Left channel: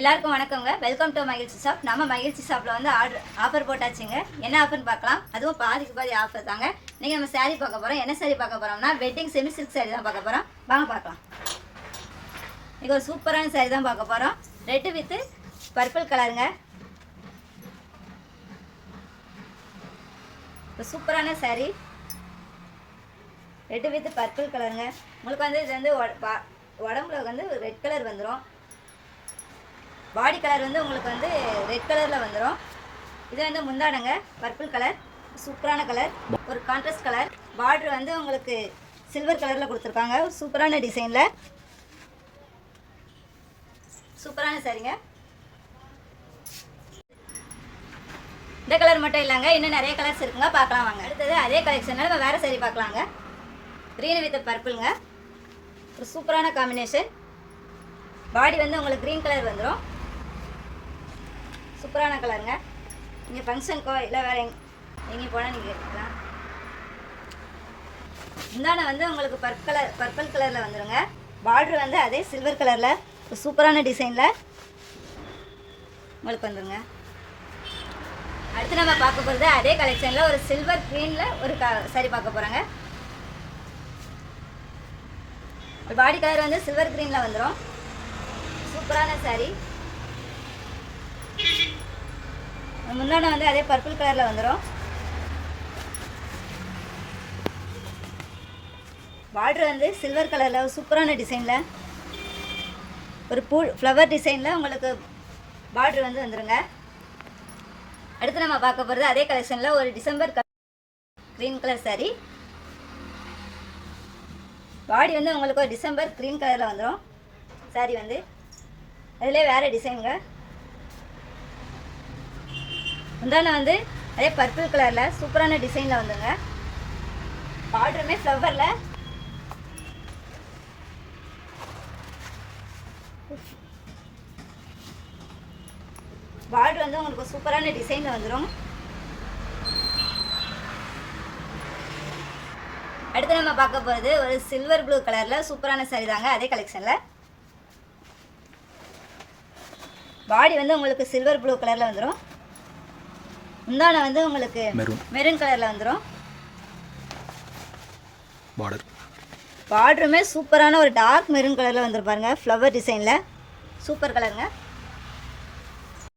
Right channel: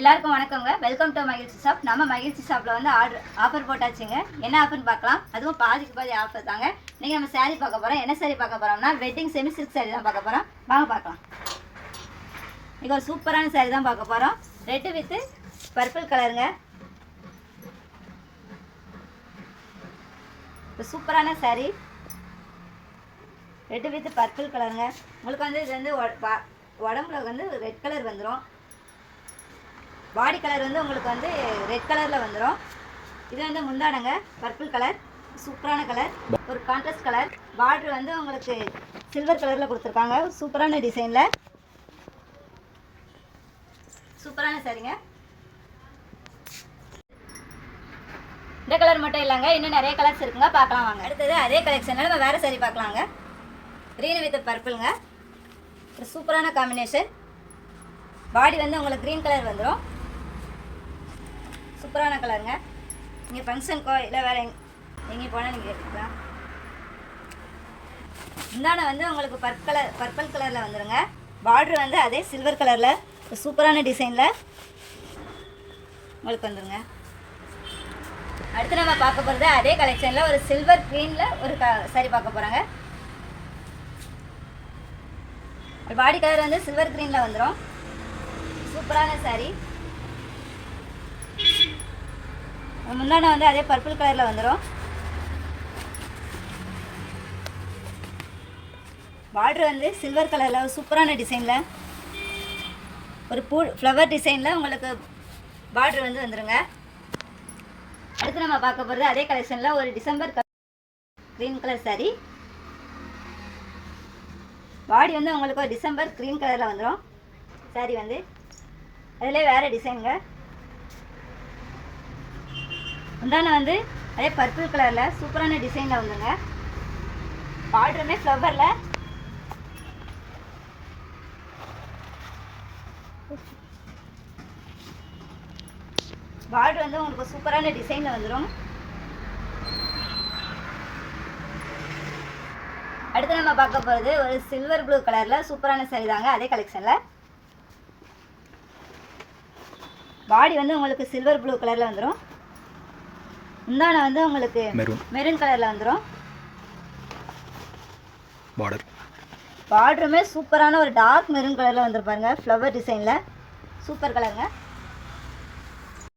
எல்லாருக்கும் வணக்கங்க. Welcome to மகிழ்ச்சி ஷாப். நம்ம மகிழ்ச்சி ஷாப்பில் வந்து ஆஃபர் போட்டாச்சுங்க. என்ன ஆஃபர்னு பார்க்கலாம். அதுவும் பாதிக்கு பாதி ஆஃபர் தாங்க. இன்றைக்கி நம்ம சாரீ பார்க்க போகிறோம். என்ன சாரீ பார்க்க போகிறோம்னா வெட்டிங் செமி சில்க் சாரீ தான் பார்க்க போகிறோம். வாங்க பார்க்கலாம். இன்றைக்கி ஒரு சூப்பரான சாரீ தான் பார்க்க போகிறோம். ரெட்டு வித்து பர்பிள் கலருங்க. இப்போ சூப்பரான சாரீ ரெட்டு வித்து பர்பிள் கலருங்க. உங்களுக்கு வந்து இது வந்து உடம்புல வந்து ரெட் கலர் வந்துடும். பாடி கலர் வந்து உங்களுக்கு வந்து ரெட் கலரில் வந்துடும். இது வந்து முந்தானங்க பர்பிள் கலர், சூப்பரான கலர், ஒரு கான்ட்ராஸ்ட் கலர். பார்டர் வந்து உங்களுக்கு சில்வர் கலரில் கொடுத்துருக்காங்க. சூப்பரான டிசைனில் சூப்பரான சாரிங்க. இந்த கலர் மட்டும் இல்லைங்க, இன்னும் நிறைய கலர்ஸ் இருக்குங்க. பார்க்கலாம் வாங்க. அடுத்தது அதே கலெக்ஷனில் நம்ம வேறு சாரி பார்க்கலாங்க. க்ரீன் வித் பர்பிளுங்க. ஒரு சூப்பரான காம்பினேஷன். பாடி வந்து உங்களுக்கு க்ரீன் கலர் வந்துடும். சூப்பரான கலருங்க. நீங்கள் ஃபங்க்ஷனுக்கோ இல்லை வேறு எங்கே போனால் நீங்கள் எடுத்துக்கலாம். முந்தானை வந்து உங்களுக்கு பர்பிள் கலரில் வந்துடுங்க. பார்டர் வந்து அதே சில்வர் கலரில் சூப்பரான டிசைனில் உங்களுக்கு வந்துடுங்க. அடுத்து நம்ம பார்க்க போகிறது அதே கலெக்ஷனில் ஒரு சில்வர் க்ரீனில் ஒரு சாரி பார்க்க போகிறாங்க. பாடி கலர் வந்து சில்வர் க்ரீனில் வந்துடும். சூப்பரான சாரி. முன்னாடி வந்து அதே பர்பிள் கலரில் வந்துடும். பார்டர் வந்து சில்வர் கலரில் சூப்பரான டிசைனில் ஒரு ஃப்ளவர் டிசைனில் உங்களுக்கு பார்டர் வந்து வந்துடுங்க. அடுத்து நம்ம பார்க்க போகிறது அதே கலெக்ஷனில் ஒரு டிசம்பர் க்ரீன் கலர் சாரி. பாடி வந்து உங்களுக்கு ஒரு டிசம்பர் க்ரீன் கலரில் வந்துடும். சாரி வந்து அதிலே வேறு டிசைனுங்க. முந்தானை வந்து அதே பர்பிள் கலரில் சூப்பரான டிசைனில் வந்துங்க. பார்டருமே ஃப்ளவரில் பார்டர் வந்து உங்களுக்கு சூப்பரான டிசைனில் வந்துடும். அடுத்து நம்ம பார்க்க போகிறது ஒரு சில்வர் ப்ளூ கலரில் சூப்பரான சாரி தாங்க. அதே கலெக்ஷனில் பாடி வந்து உங்களுக்கு சில்வர் ப்ளூ கலரில் வந்துடும். முந்தானை வந்து உங்களுக்கு மெரூன் கலரில் வந்துடும். பார்டருமே சூப்பரான ஒரு டார்க் மெரூன் கலரில் வந்துருப்பாருங்க. ஃப்ளவர் டிசைனில் சூப்பர் கலருங்க.